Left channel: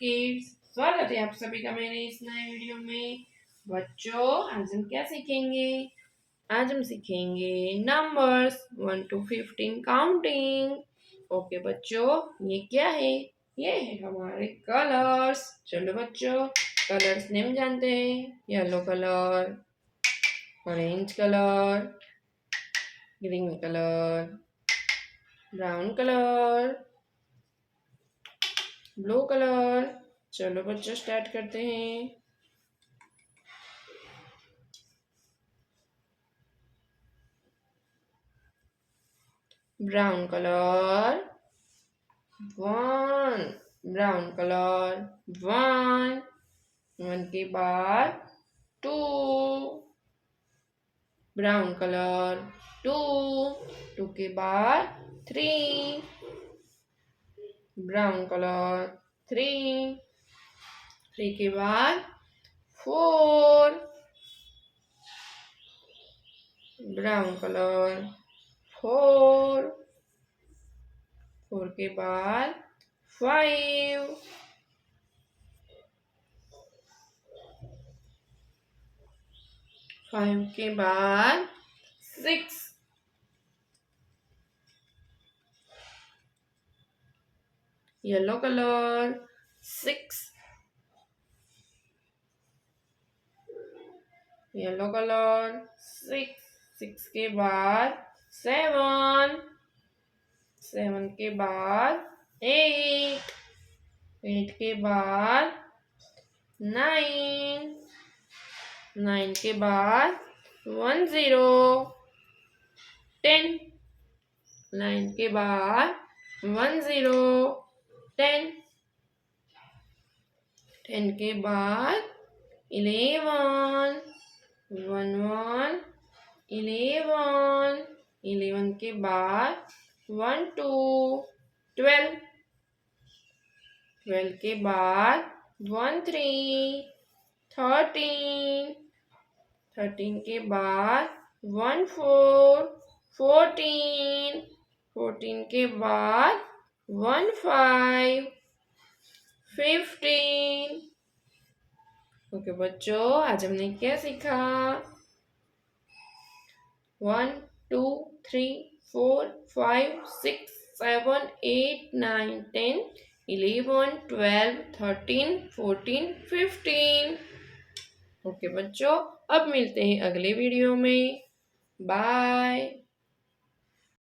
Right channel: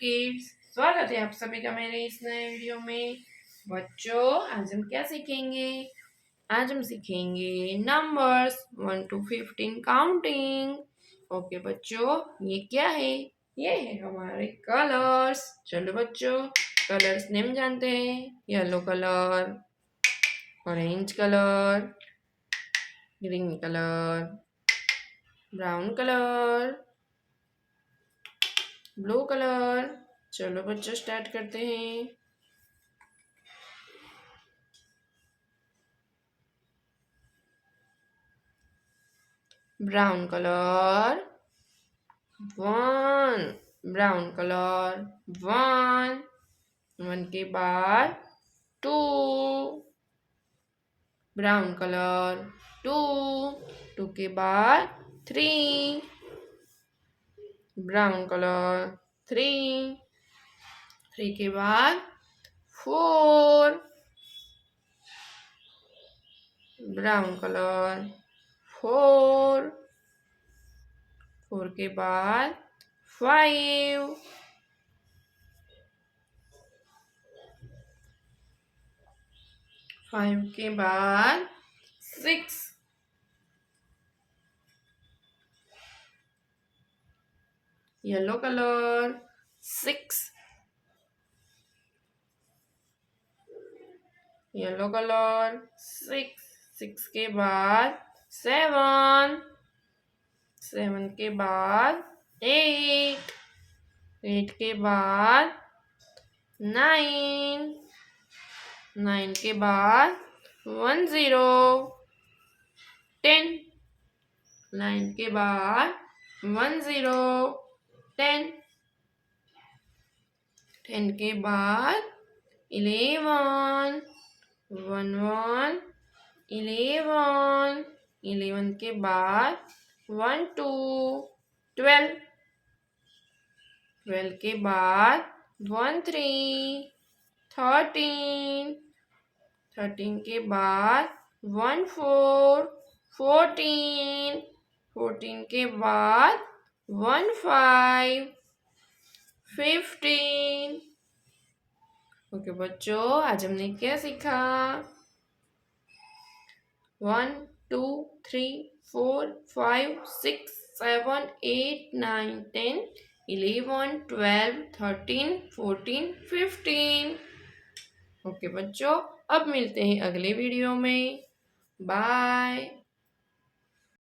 Kids, स्वागत है आप सभी का मेरे इस नए वीडियो में। बच्चों, आज हम क्या सीखेंगे? आज हम सीखेंगे नंबर्स 1 to 15 काउंटिंग। ओके बच्चों, ये क्या है? ये है हमारे कलर्स। चलो बच्चों, कलर्स नेम जानते हैं। Yellow colour, orange colour, green colour, brown colour, blue colour. चलो बच्चों, स्टार्ट करते हैं। ब्राउन कलर 1, ब्राउन कलर 1, 1 के बाद 2, ब्राउन कलर 2, 2 के बाद 3, ब्राउन कलर 3, 3 के बाद 4, ब्राउन कलर 4, 4 के बाद 5, 5 के बाद 6, येलो कलर 6, येलो कलर 6, 6 के बाद 7, 7 के बाद 8, 8 के बाद 9, 9 के बाद 1 0, 10, 9 के बाद 1 0, 10, 10 के बाद 11, 1 1, 11, 11 के बाद 1 2, 12, 12 के बाद 1 3, 13, 13 के बाद 1 4, 14, 14 के बाद 1 5, 15। ओके बच्चों, आज हमने क्या सीखा? 1 2 3 4 5 6 7 8 9 10 11 12 13 14 15। ओके बच्चों, अब मिलते हैं अगले वीडियो में। बाय।